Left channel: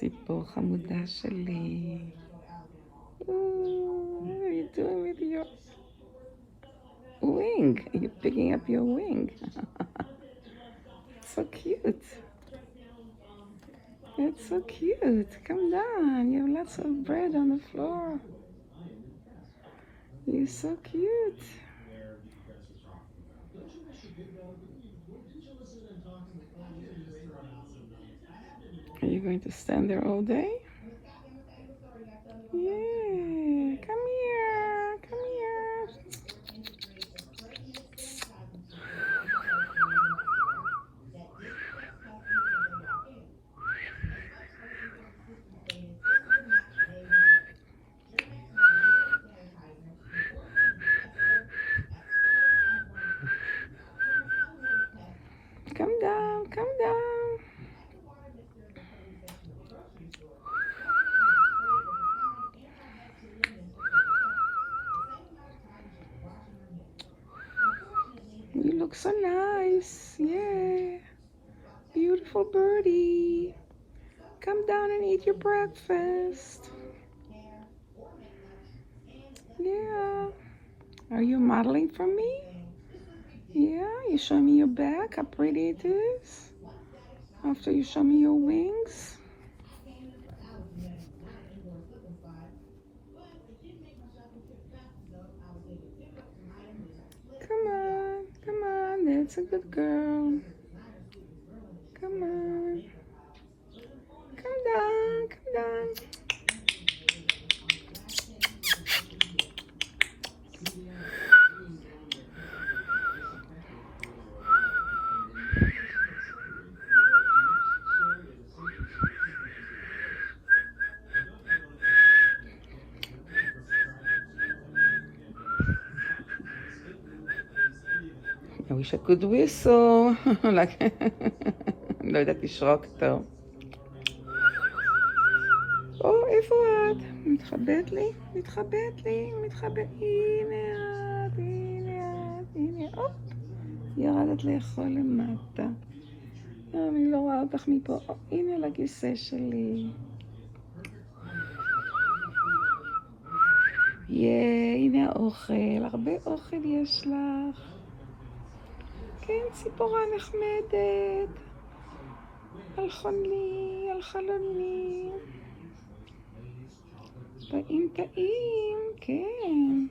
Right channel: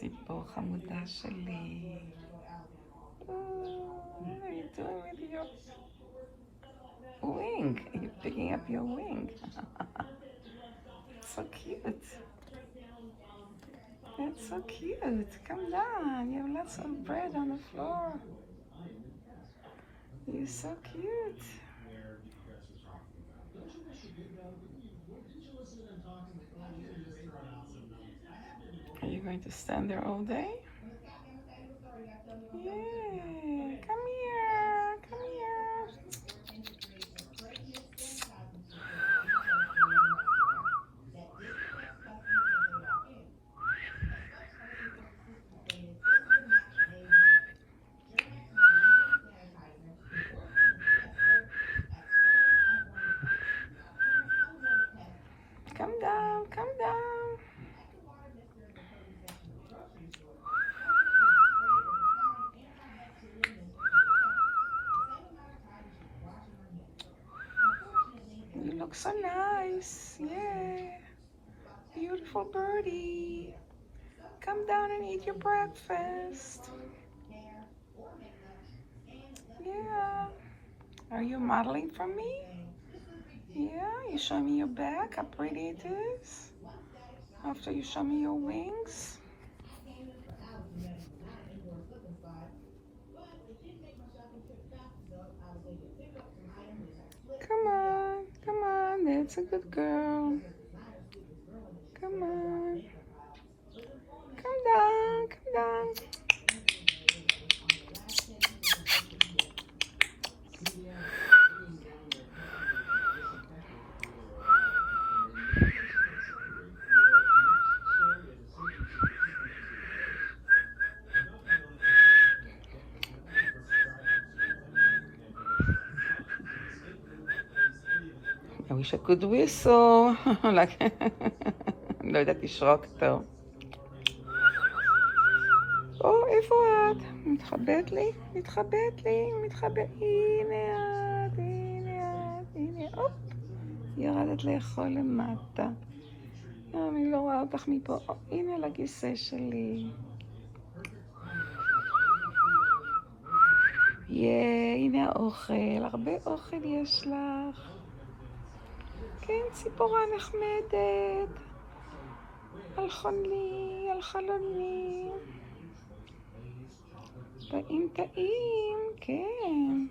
ציפור חמודה שלי. What are you doing with your wing? You're picking up your wing. It's so cute. It's so cute. Come down. You have lots of bread on the floor. You're so cute. Are you going to stand there all day? Yeah, come here, come here. Come down, come down. You look so nice. Yeah. Beautiful birdie. Come down and eat your breakfast. Yeah. Are you modeling for me? Yeah. You show me your back, how pretty it is. After you show me your wings. Come on, come on. That's a good girl. Come on. Come down, come down. I wish I could whistle. like, לא יודעת לשרוק טוב. או, איפה את? מתחבאת לי? מתחבאת לי? מתחבאת. הנה את, הנה את, הנה. הופ. ירדת לאכול למטה. אני לא רואה אותך מפה. או, הנה לכיסא שלי. הנה האוכל. הרבה אוכל יש לך. כן, ציפורה נחמדת. על חולי, על חלוני. טעים טעים, כן.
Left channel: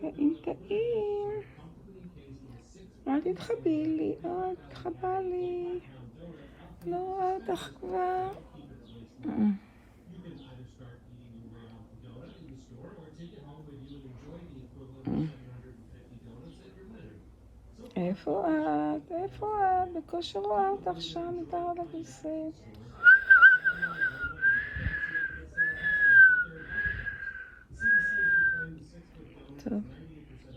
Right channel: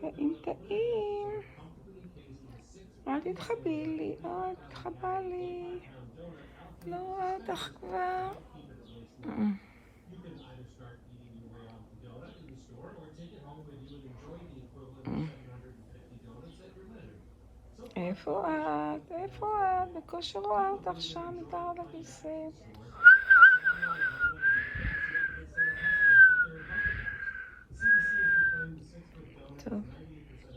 טעים טעים. אל תתחבי לי, אל תתחבא לי. לא רואה אותך כבר. איפה את? איפה את? בקושי רואה אותך שם מתחת לכיסא. טוב,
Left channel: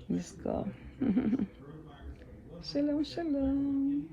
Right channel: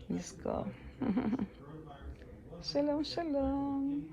נסגור. שלום שלום.